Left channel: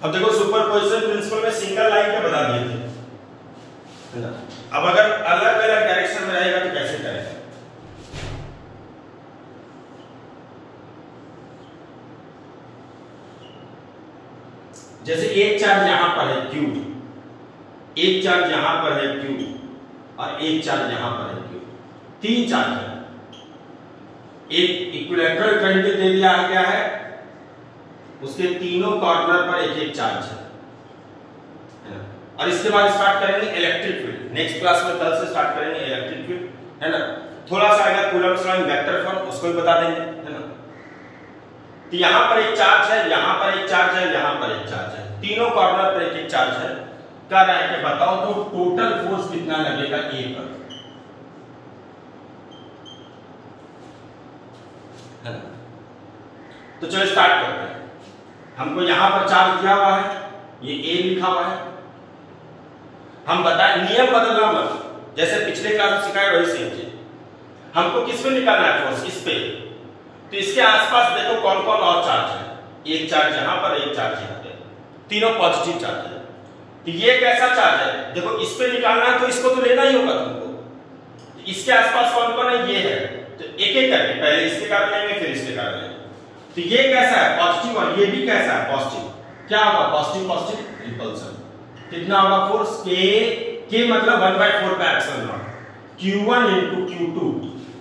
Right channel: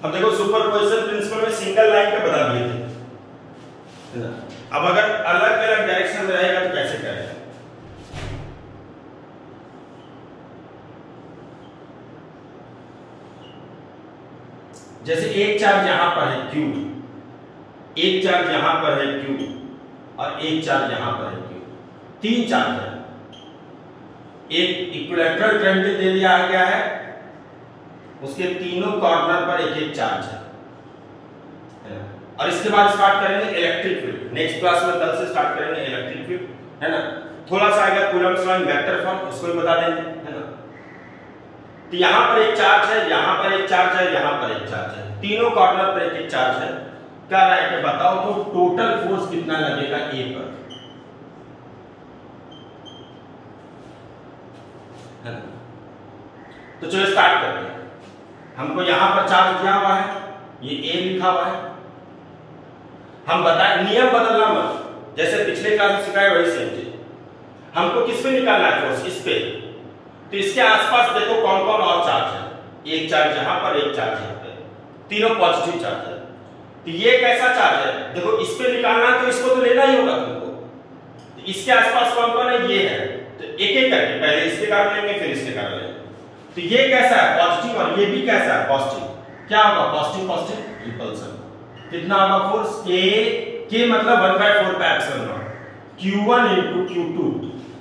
अब देखो superposition principle में सिंगल लाइन के बता दिए थे ना। अब अगर अलग अलग डायरेक्शन में रहेगा तो कैसे करेगा? जैसे एक चार्ज यहां पर है Q, एक चार्ज यहां पर है Q और एक चार्ज यहां पर है Q, तीन चार्ज है। एक इक्विलैटरल ट्रायंगल दे दिया गया है, उसके तीनों कॉर्नर पर एक एक चार्ज है। और इसके बाद स्टार्ट करेंगे इलेक्ट्रिक फील्ड। नेक्स्ट क्लास में कल से स्टार्ट करेंगे इलेक्ट्रिक फील्ड, है ना। थोड़ा सा आएगा कूलम्ब्स लॉ वेक्टर फॉर्म, उसको भी बता देंगे, है ना। तो यहां पर एक चार्ज है, यहां पर एक चार्ज है, यहां पर एक चार्ज है, तीनों कॉर्नर पर एक एक चार्ज है। कह रहा है कि बताओ तो टोटल फोर्स कितना लगेगा ए पर, है ना। तो चलो स्टार्ट करते हैं। हमको यहां पर चार्ज दिया हुआ है, ये ए लिखा हुआ है। हम बताएं नियम बदलना मत, जैसे पिछले क्लास में सिखाया वही सेम चीज। हमको किस पे निकालना है फोर्स? इस पे। तो इसके आसपास देखो कौन कौन और चार्ज है। एक चार्ज यहां पर, एक चार्ज यहां पे, तीनों पॉजिटिव चार्ज है। तो ये कैसा चार्ज है? देखो इस पे निकालना है तो इसको तो लेना ही होगा तुमको। तो इसके आसपास कौन कौन है? ये है। तो एक एक करके पहले इसके कारण लेंगे, फिर इसके कारण लेंगे। तो ये कैसा है? पॉजिटिव, और ये भी कैसा है? पॉजिटिव। क्या होगा? Positive positive repulsion. कितना होगा फोर्स? के मतलब 1/4 का epsilon not Q1 into Q2,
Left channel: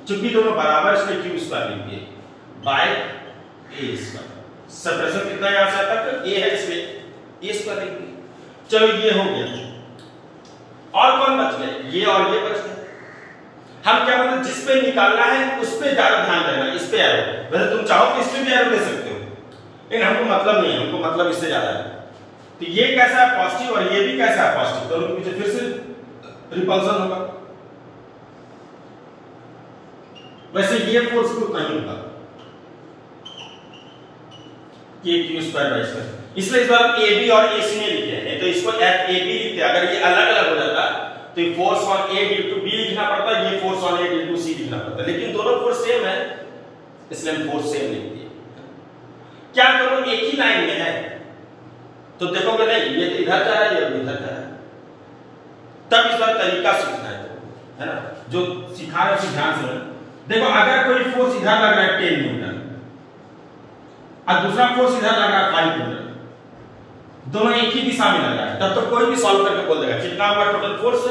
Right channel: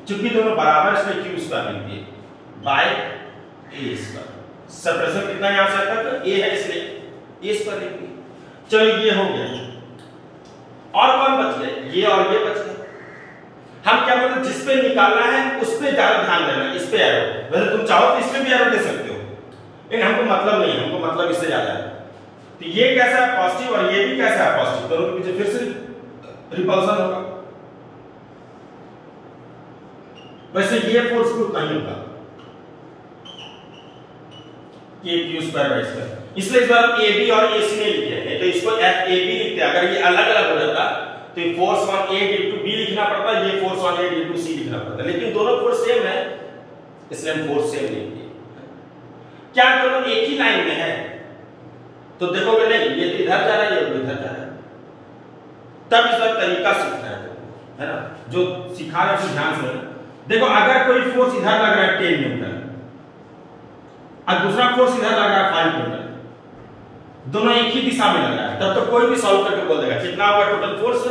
चूंकि दोनों बराबर इसलिए Q स्क्वायर लिख दिए बाय ए स्क्वायर। सेपरेशन कितना यहां से तक? ए है इसलिए ए स्क्वायर लिख दिए। चलो ये हो गया। और कौन बच गए? ये और ये बच गए। हम क्या बोलते हैं? जिस पे निकालना है उस पे ज्यादा ध्यान देना, इस पे एरो। वैसे तुम चाहो तो इस पे भी एरो दे सकते हो, लेकिन हमको मतलब नहीं, हमको मतलब इससे ज्यादा है। तो ये कैसा है? पॉजिटिव, और ये भी कैसा है? पॉजिटिव। दोनों के पीछे फिर से रिपल्सन होगा। वैसे ये फोर्स भी उतना ही होगा, Q² इसलिए इस बार ए बी और ए सी में लिखे हैं, तो इसको एफ ए बी लिखते हैं। अगर ये अलग अलग हो जाता तो ये force on A due to B लिखना पड़ता, ये force on A due to C लिखना पड़ता, लेकिन दोनों फोर्स सेम है इसलिए हम फोर्स सेम लिख दिए। क्या दोनों एक ही लाइन में है? तो देखोगे नहीं, ये तो इधर जा रहा है, ये इधर जा रहा है। तब इस बार तरीका सीखना है ना। जो सिखा रहा है ध्यान से देखो। अगर कोई फोर्स इधर लग रहा है 10 न्यूटन और दूसरा फोर्स इधर लग रहा है 5 न्यूटन, दोनों एक ही दिशा में लग रहा है, तब तो कोई भी सॉल्व करके बोल देगा कितना होगा total force?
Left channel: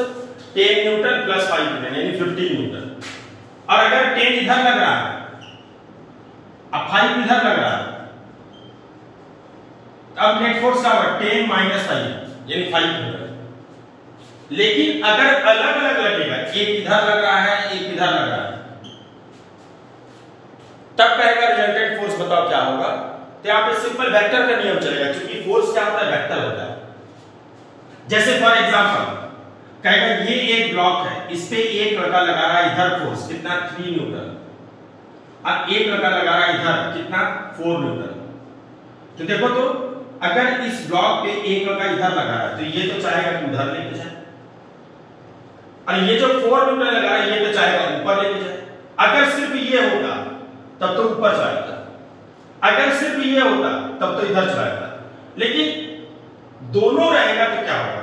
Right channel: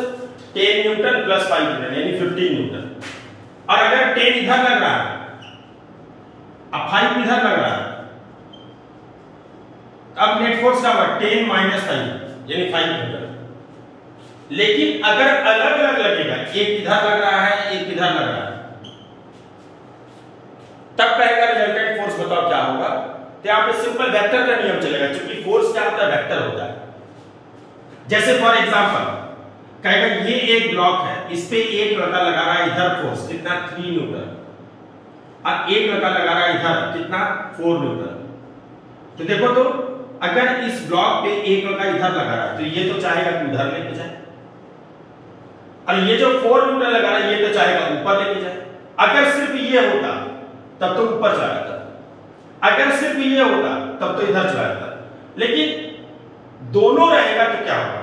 10 Newton plus 5 Newton यानी 15 न्यूटन। और अगर 10 इधर लग रहा है अब 5 इधर लग रहा है, अब नेट फोर्स क्या होगा? 10 माइनस 5 यानी 5 न्यूटन। लेकिन अगर अलग अलग लगेगा, एक इधर लग रहा है, एक इधर लग रहा है, तब कहेगा रिजल्टेंट फोर्स बताओ क्या होगा? तो यहां पे सिंपल वेक्टर का नियम चलेगा, क्योंकि फोर्स क्या होता है? वेक्टर होता है। जैसे फॉर एग्जांपल कहेगा ये एक ब्लॉक है, इस पे एक लड़का लगा रहा है इधर फोर्स कितना? 3 न्यूटन, और एक लड़का लगा रहा है इधर कितना? 4 न्यूटन। तो देखो तो अगर इस ब्लॉक पे एक लड़का इधर लगा रहा है तो ये तो चाहेगा कि उधर लेके जाए, और ये जो 4 न्यूटन लगा रहा है ये तो चाहेगा ऊपर लेके जाए। अगर सिर्फ ये होता तब तो ऊपर चला जाता, अगर सिर्फ ये होता तब तो इधर चला जाता, लेकिन दोनों रहेगा तो क्या होगा?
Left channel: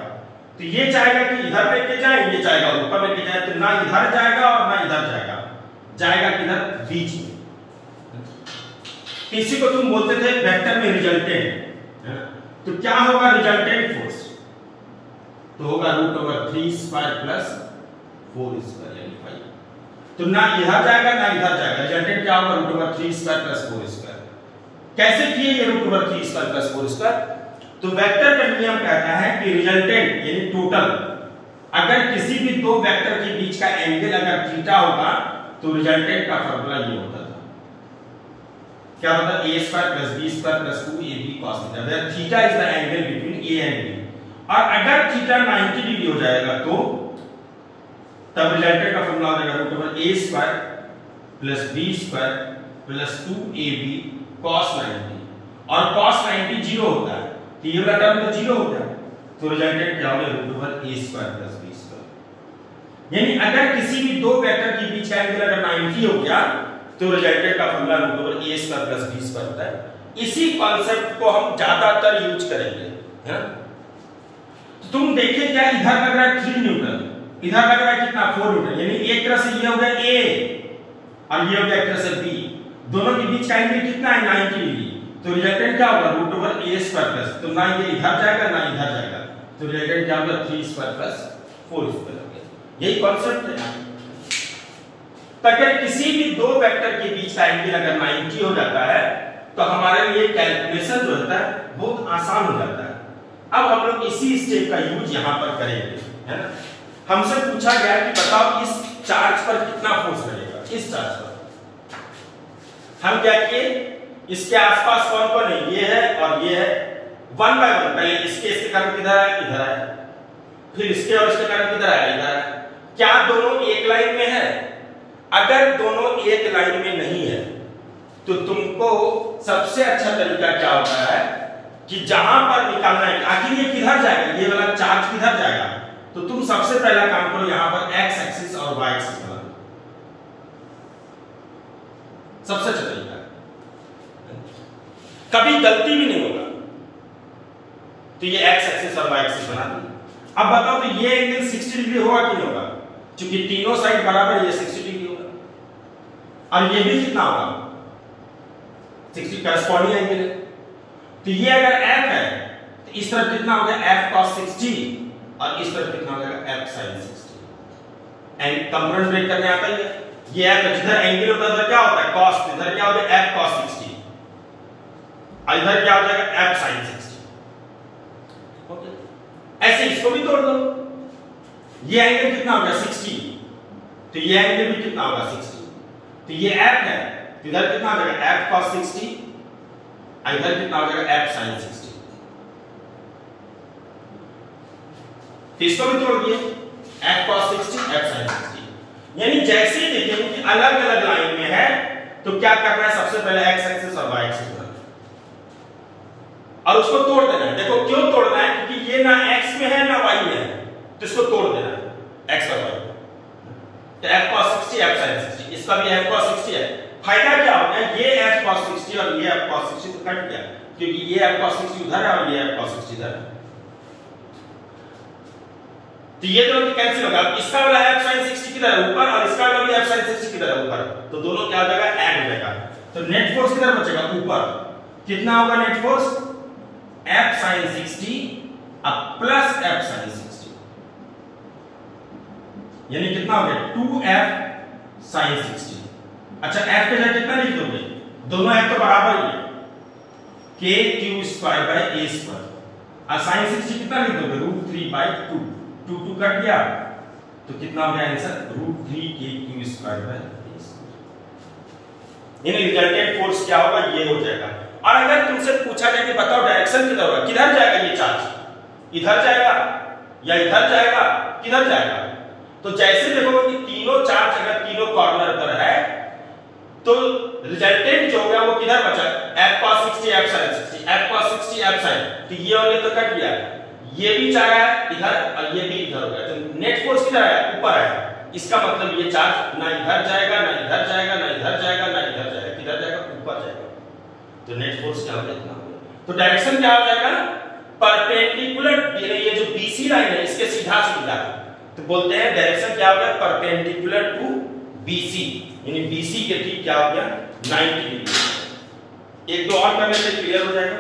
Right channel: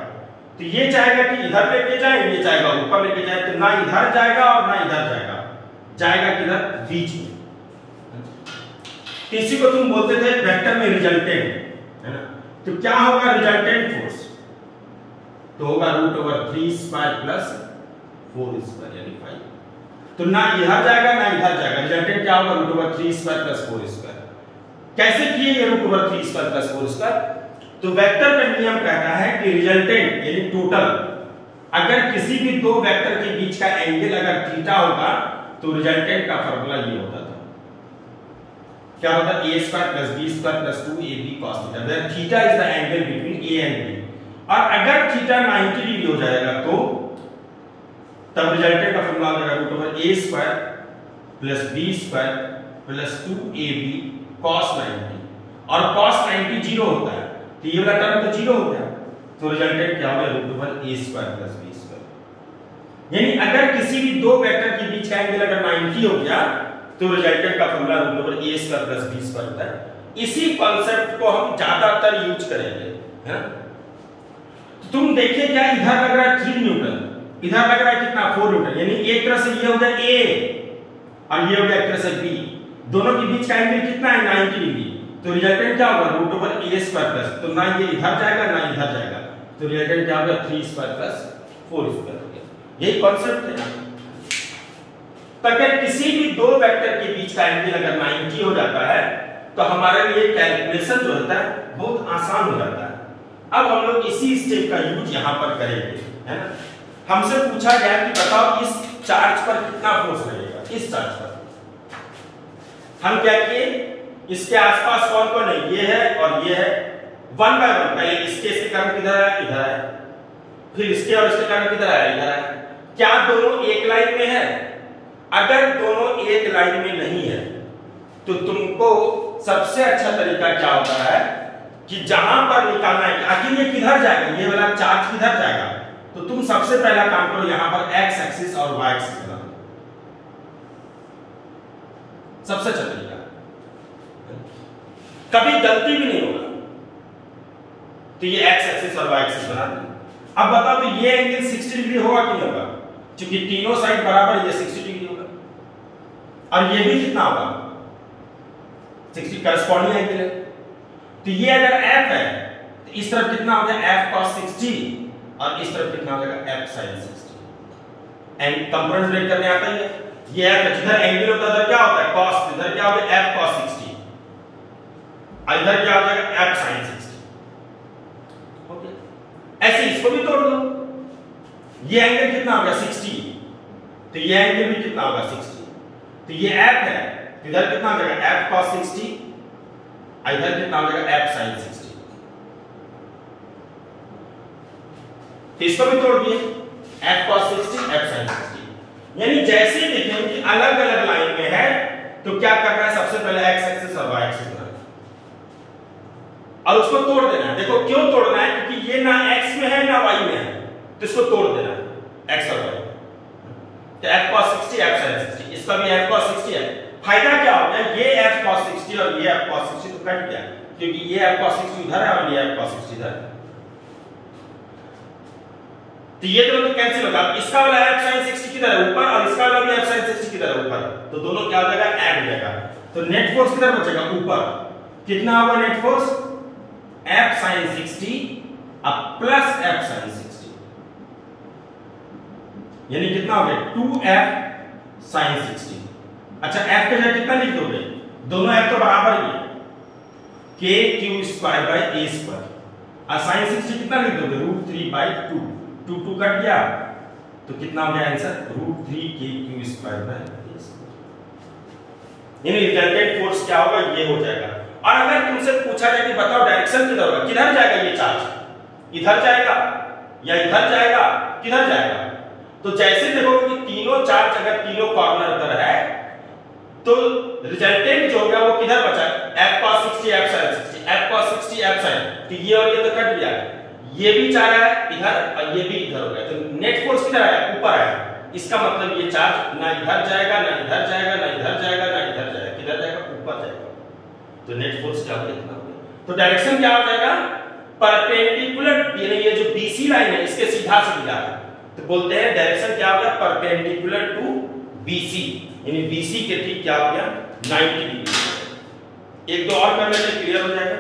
तो ये चाहेगा कि इधर लेके जाए, ये चाहेगा ऊपर लेके जाए, तो ना इधर जाएगा और ना इधर जाएगा, जाएगा किधर? बीच में। इसी को तुम बोलते थे वेक्टर में रिजल्टेंट, है ना। तो क्या होगा रिजल्टेंट फोर्स? तो होगा √3² प्लस 4² यानी 5। तो ना इधर जाएगा ना इधर जाएगा, रिजल्टेंट क्या होगा? √3² प्लस 4²। कैसे किए ये √3² प्लस 4²? तो वेक्टर का नियम कहता है कि रिजल्टेंट यानी टोटल, अगर किसी भी दो वेक्टर के बीच का एंगल अगर थीटा होगा तो रिजल्टेंट का फार्मूला ये होता था, क्या होता? a² plus b² plus 2ab cos थीटा, where theta is the angle between a and b। और अगर थीटा 90 डिग्री हो जाएगा तो तब रिजल्टेंट का फार्मूला हो जाएगा √a² plus b² plus 2ab cos 90, और cos 90 0 होता है तो ये वाला टर्म तो 0 हो गया, तो रिजल्टेंट क्या हो गया? √a² plus b²। यानी अगर किसी भी दो वेक्टर के बीच का एंगल अगर 90 हो गया तो रिजल्टेंट का फार्मूला √a² प्लस b² होता है। इसी कॉन्सेप्ट को हम ज्यादातर यूज करेंगे, है? तो तुम देखिए क्या इधर लग रहा है 3 न्यूटन, इधर लग रहा है कितना 4 न्यूटन, यानी एक तरह से ये हो गया A और ये हो गया एक तरह से B, दोनों के बीच का एंगल कितना है 90 डिग्री, तो रिजल्टेंट क्या होगा √a² प्लस, तो ना ये इधर जाएगा ना इधर जाएगा, तो रिजल्टेंट क्या होगा 3² प्लस 4² हो गया। यही कॉन्सेप्ट है। तो अगर किसी भी दो वेक्टर के बीच का एंगल अगर 90 हो जाता है तो हमारे लिए कैलकुलेशन जो होता है बहुत आसान हो जाता है। अब हम लोग इसी स्टेप का यूज यहां पर करेंगे, है ना। हमसे पूछा गया कि बताओ इस चार्ज पर कितना फोर्स लगेगा, इस चार्ज पर। हम क्या किए, इसके आसपास कौन कौन है, ये है और ये है, 1 बाय 1 पहले इसके कारण किधर है, इधर है, फिर इसके और इसके कारण किधर है, इधर है। क्या दोनों एक लाइन में है? अगर दोनों एक लाइन में नहीं है तो तुमको सबसे अच्छा तरीका क्या होता है कि जहां पर निकालना है, आखिर ये किधर जाएगा, ये वाला चार्ज किधर जाएगा, तो तुम सबसे पहला काम करो यहां पर एक्स एक्सिस और वाई एक्सिस बना दो, सबसे अच्छा तरीका, कभी गलती भी नहीं होगा। तो ये एक्स एक्सिस और वाई एक्सिस बना दो। अब बताओ तो ये एंगल 60 डिग्री होगा कि नहीं होगा, क्योंकि तीनों साइड बराबर, ये 60 डिग्री होगा और ये भी कितना होगा 60 करस्पॉन्डिंग एंगल है। तो ये अगर f है तो इस तरफ कितना हो गया f cos 60 और इस तरफ कितना हो जाएगा f sin 60। And component break करने आता है, ये f जिधर एंगल होता है उधर क्या होता है cos, इधर क्या हो गया f cos 60 और इधर क्या हो जाएगा f sin 60। ओके, ऐसे इसको भी तोड़ दो, ये एंगल कितना हो गया 60, तो ये एंगल भी कितना होगा 60, तो ये f है, इधर कितना हो जाएगा f cos 60, इधर कितना हो जाएगा f sin 60। तो इसको भी तोड़ दिए, f cos 60 f sin 60। यानी जैसे ही देखेंगे कि अलग अलग लाइन में है तो क्या करना है, सबसे पहले x एक्सिस और y एक्सिस बनाना और उसको तोड़ देना है। देखो क्यों तोड़ना है, क्योंकि ये ना x में है ना y में है, तो इसको तोड़ देना है x और y। तो f cos 60 f sin 60, इसका भी f cos 60 है। फायदा क्या हो गया, ये f cos 60 और ये f cos 60 तो कट गया, क्योंकि ये f cos 60 उधर है और ये f cos 60 इधर है, तो ये दोनों कैंसिल होगा। इसका वाला f sin 60 किधर है, ऊपर, और इसका वाला भी f sin 60 किधर है, ऊपर, तो दोनों क्या हो जाएगा ऐड हो जाएगा। तो नेट फोर्स किधर बचेगा, ऊपर। कितना होगा नेट फोर्स, f sin 60 अब प्लस f sin 60, यानी कितना हो गया 2f sin 60। अच्छा f के जगह कितना लिख दोगे, दोनों f तो बराबर ही है, k⁴ a², और sin 60 कितना लिख दोगे √3/2, 2 कट गया तो कितना हो गया आंसर √3k⁴ a²। यानी रिजल्टेंट फोर्स क्या होगा, ये हो जाएगा। और अगर तुमसे पूछा जाए कि बताओ डायरेक्शन किधर होगा, किधर जाएगा ये चार्ज, इधर जाएगा या इधर जाएगा, किधर जाएगा, तो जैसे देखोगे कि तीनों चार्ज अगर तीनों कॉर्नर पर है तो रिजल्टेंट जो होगा वो किधर बचा, f cos 60 f sin 60, f cos 60 f sin, तो ये और ये तो कट गया, ये भी जा रहा है इधर और ये भी इधर हो गया, तो नेट फोर्स किधर आया, ऊपर आया। इसका मतलब ये चार्ज ना इधर जाएगा ना इधर जाएगा ना इधर जाएगा ना इधर जाएगा, किधर जाएगा, ऊपर जाएगा, तो नेट फोर्स क्या होगा इतना। तो डायरेक्शन क्या हो जाएगा, परपेंडिकुलर, ये जो BC लाइन है इसके सीधा सीधा, तो बोलते हैं डायरेक्शन क्या हो गया, परपेंडिकुलर टू BC, यानी BC के ठीक क्या हो गया 90 डिग्री। एक दो और करने से क्लियर हो जाएगा।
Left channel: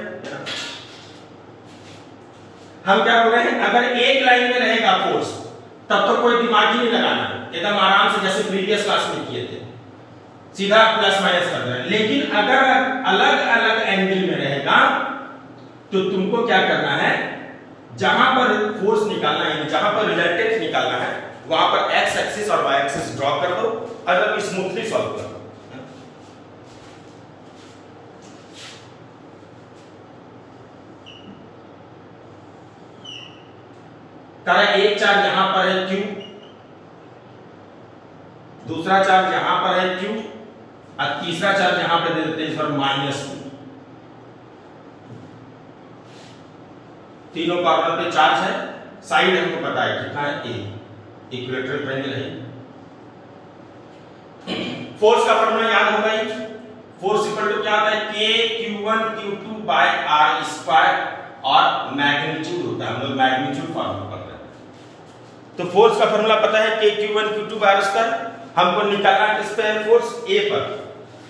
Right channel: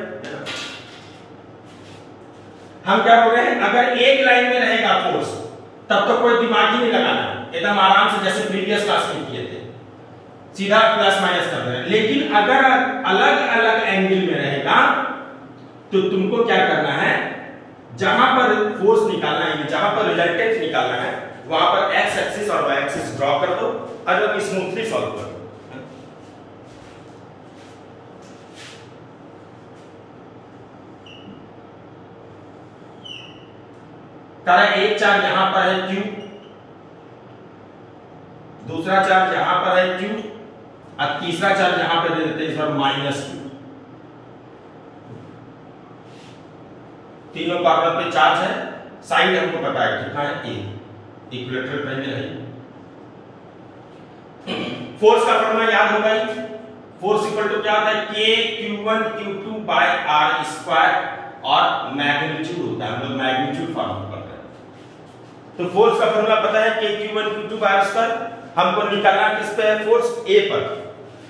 हम क्या बोल रहे हैं, अगर एक लाइन में रहेगा फोर्स तब तो कोई दिमाग ही नहीं लगाना, एकदम आराम से जैसे प्रीवियस क्लास में किए थे सीधा प्लस माइनस कर रहे हैं। लेकिन अगर अलग अलग एंगल में रहेगा तो तुमको क्या करना है, जहां पर फोर्स निकालना है, जहां पर रिजल्टेंट निकालना है, वहां पर एक्स एक्सिस और वाई एक्सिस ड्रॉ कर दो और अब स्मूथली सॉल्व कर दो। तारा एक चार्ज यहां पर है Q, दूसरा चार्ज यहां पर है Q और तीसरा चार्ज यहां पे दे देते हैं इस बार -2। तीनों कॉर्नर पे चार्ज है, साइड हमको पता है कितना है A, इक्विलैटरल ट्रायंगल है। फोर्स का फॉर्मूला याद होगा ही, फोर्स इक्वल टू क्या होता है k q1 q2 by r square और मैग्नीट्यूड होता है, हम लोग मैग्नीट्यूड फॉर्मूला कर रहे हैं। तो फोर्स का फॉर्मूला पता है k q1 q2 by r square, हमको निकालना किस पे है फोर्स a पर।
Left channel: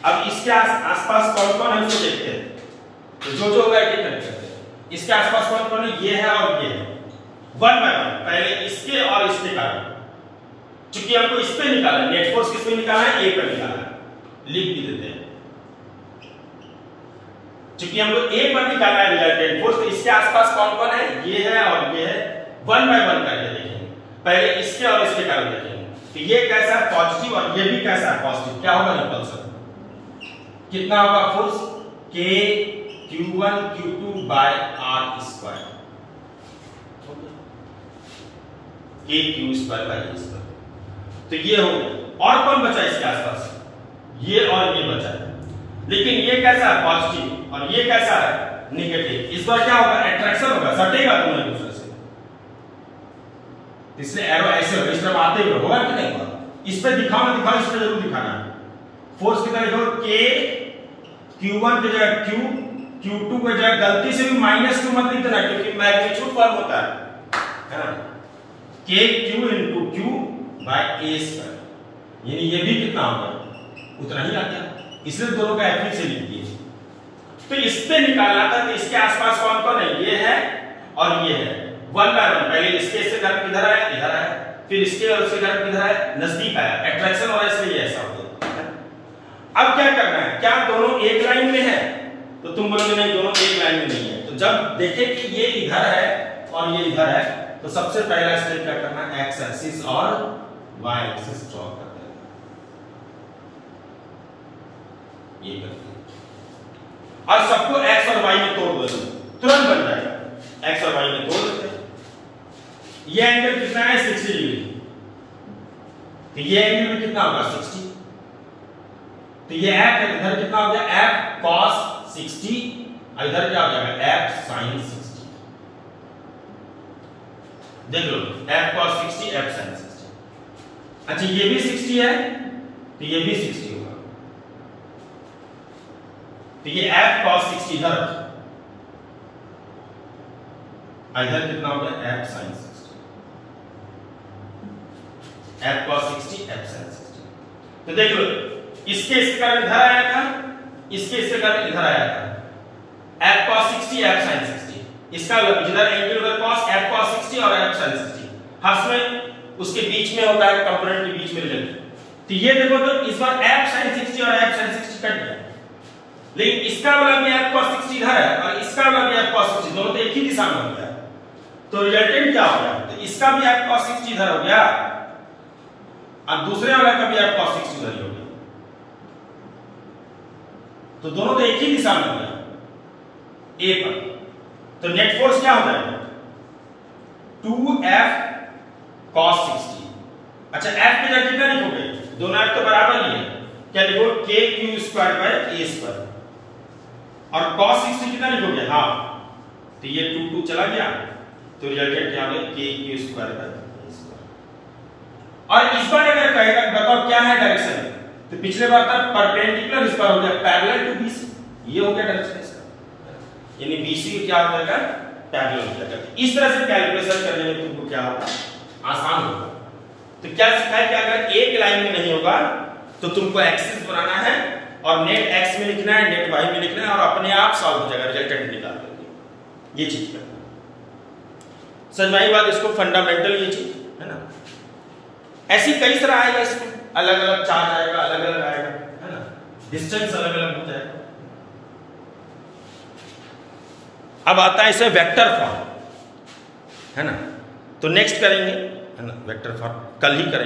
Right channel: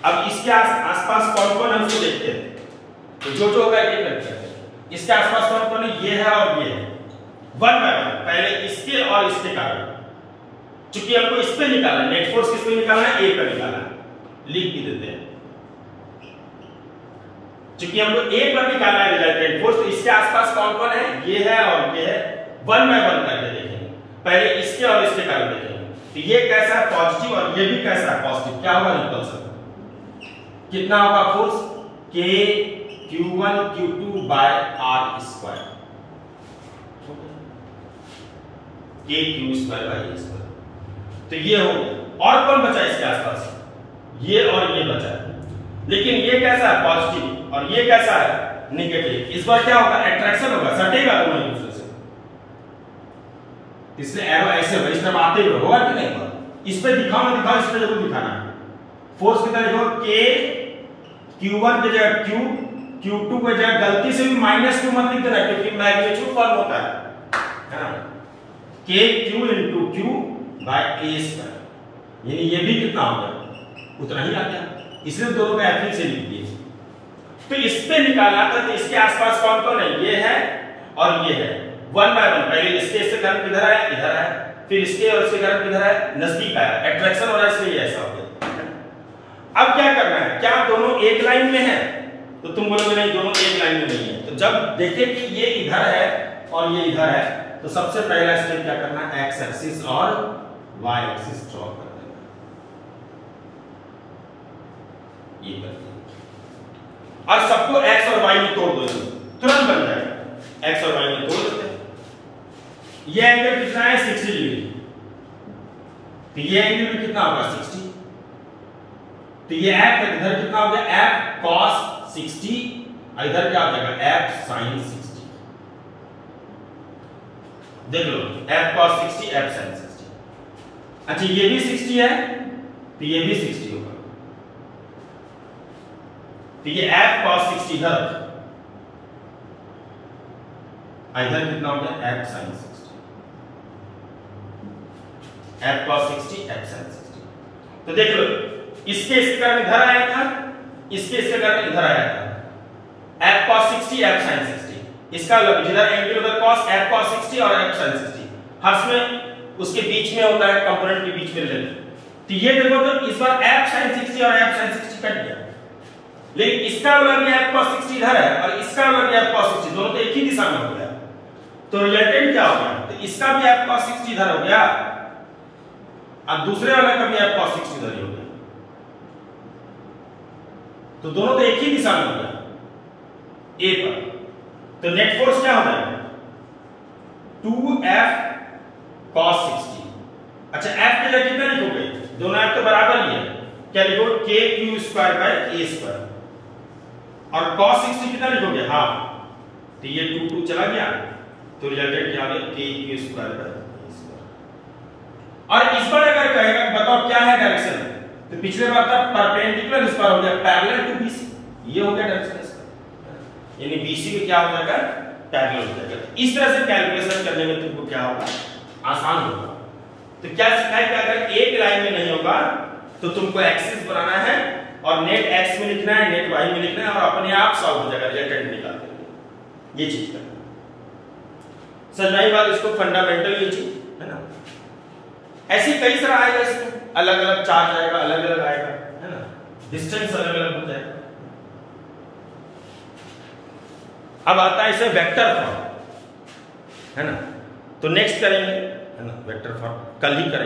अब इसके आसपास कौन कौन है उसको देखते हैं, तो जो होगा एक एक करते हैं। इसके आसपास कौन कौन है, ये है और ये है, वन बाय वन पहले इसके और इसके कारण, क्योंकि हमको इस पे निकालना है, नेट फोर्स किस पे निकालना है, ए पे निकालना है, लिख भी देते हैं। क्योंकि हमको ए पर निकालना है रिजल्टेंट फोर्स, तो इसके आसपास कौन कौन है, ये है और ये है, वन बाय वन करके देखेंगे। पहले इसके और इसके कारण देखेंगे, तो ये कैसा है पॉजिटिव और ये भी कैसा है पॉजिटिव, क्या होगा रिपल्सन, कितना होगा force k q1 q2 by r square, k q square by r square. तो ये हो गया। और कौन बचा इसके आसपास, ये और ये बचा, लेकिन ये कैसा है पॉजिटिव और ये कैसा है नेगेटिव। इस बार क्या होगा, अट्रैक्शन होगा, सटेगा दोनों एक दूसरे से, इसलिए एरो ऐसे होगा, इस तरफ आते हुए होगा कि नहीं होगा। इस पे दिखाओ ना दिखाओ, इस पे जरूर दिखाना। फोर्स कितना लिखो, k q1 की जगह q, q2 की जगह गलती से भी -q मत लिख देना, क्योंकि मैग्नीट्यूड फॉर्म होता है ना, k q into q by a square, यानी ये भी कितना होगा उतना ही आता है, इसलिए दोनों का एफ से लिख दिए। तो इस पे निकालना था, तो इसके आसपास कौन कौन है, ये है और ये है, वन बाय वन। पहले इसके घर किधर है, इधर है, फिर इसके और इसके घर किधर है, नजदीक आया, अट्रैक्शन हो रहा है, इसलिए ऐसा हो गया। अब क्या करना है, क्या दोनों एक लाइन में है, तो तुम बोलोगे नहीं दोनों एक लाइन में नहीं है। तो जब देखे कि ये इधर है और ये इधर है, तो सबसे पहला स्टेप क्या करना है, एक्स एक्सिस और वाई एक्सिस ड्रॉ कर देना, ये करते हैं और सबको एक्स और वाई में तोड़ दो, तुरंत बन जाएगा। एक्स और वाई में तोड़ देते हैं। ये एंगल कितना है 60 डिग्री, तो ये एंगल भी कितना होगा 60, तो ये f इधर कितना हो गया f cos 60 और इधर क्या हो जाएगा f sin 60। देख लो f cos 60 f sin 60। अच्छा ये भी 60 है तो ये भी 60 होगा, तो ये f cos 60 इधर, इधर कितना हो गया f sin 60, f cos 60 f sin 60। तो देख लो इसके कारण इधर आया था, इसके कारण इधर आया था, f cos 60 f sin 60। इसका जिधर एंगल उधर cos f cos 60 और f sin 60, हर्ष में उसके बीच में होता है, कंपोनेंट के बीच में रिलेटेड। तो ये देखो तो इस बार f sin 60 और f sin 60 कट गया, लेकिन इसका वाला भी f cos 60 इधर है और इसका वाला भी f cos 60, दोनों तो एक ही दिशा में हो गया, तो रिजल्टेंट क्या हो गया, तो इसका भी f cos 60 इधर हो गया और दूसरे वाला का भी f cos 60 इधर हो गया, तो दोनों तो एक ही दिशा में हो गया A पर। तो नेट फोर्स क्या हो जाएगा 2f cos 60। अच्छा f की जगह कितना लिखोगे, दोनों f तो बराबर ही है, क्या लिखो k q square bye a square, और cos 60 कितना लिखोगे, हाँ तो ये 2 2 चला गया, तो रिजल्टेंट क्या हो गया k q square bye a square. और इस बार अगर कहेगा बताओ क्या है डायरेक्शन, तो पिछले बार था परपेंडिकुलर, इस बार हो गया पैरेलल टू BC, ये हो गया डायरेक्शन इसका, यानी BC के क्या हो जाएगा पैरेलल हो जाएगा। इस तरह से कैलकुलेशन करने में तुमको क्या होगा आसान होगा। तो क्या सीखा है कि अगर एक लाइन में नहीं होगा तो तुमको एक्सिस बनाना है और नेट x में लिखना है, नेट y में लिखना है, और अपने आप सॉल्व हो जाएगा, रिजल्टेंट निकाल देंगे। ये चीज करना समझाई बात, इसको फंडामेंटल ये चीज है ना। ऐसी कई तरह आएगा, इसमें अलग अलग चार्ज आएगा, अलग अलग आएगा है ना, डिस्टेंस अलग अलग हो जाएगा। अब आता है इसे वेक्टर फॉर्म है ना, तो नेक्स्ट करेंगे है ना, वेक्टर फॉर्म कल ही करेंगे।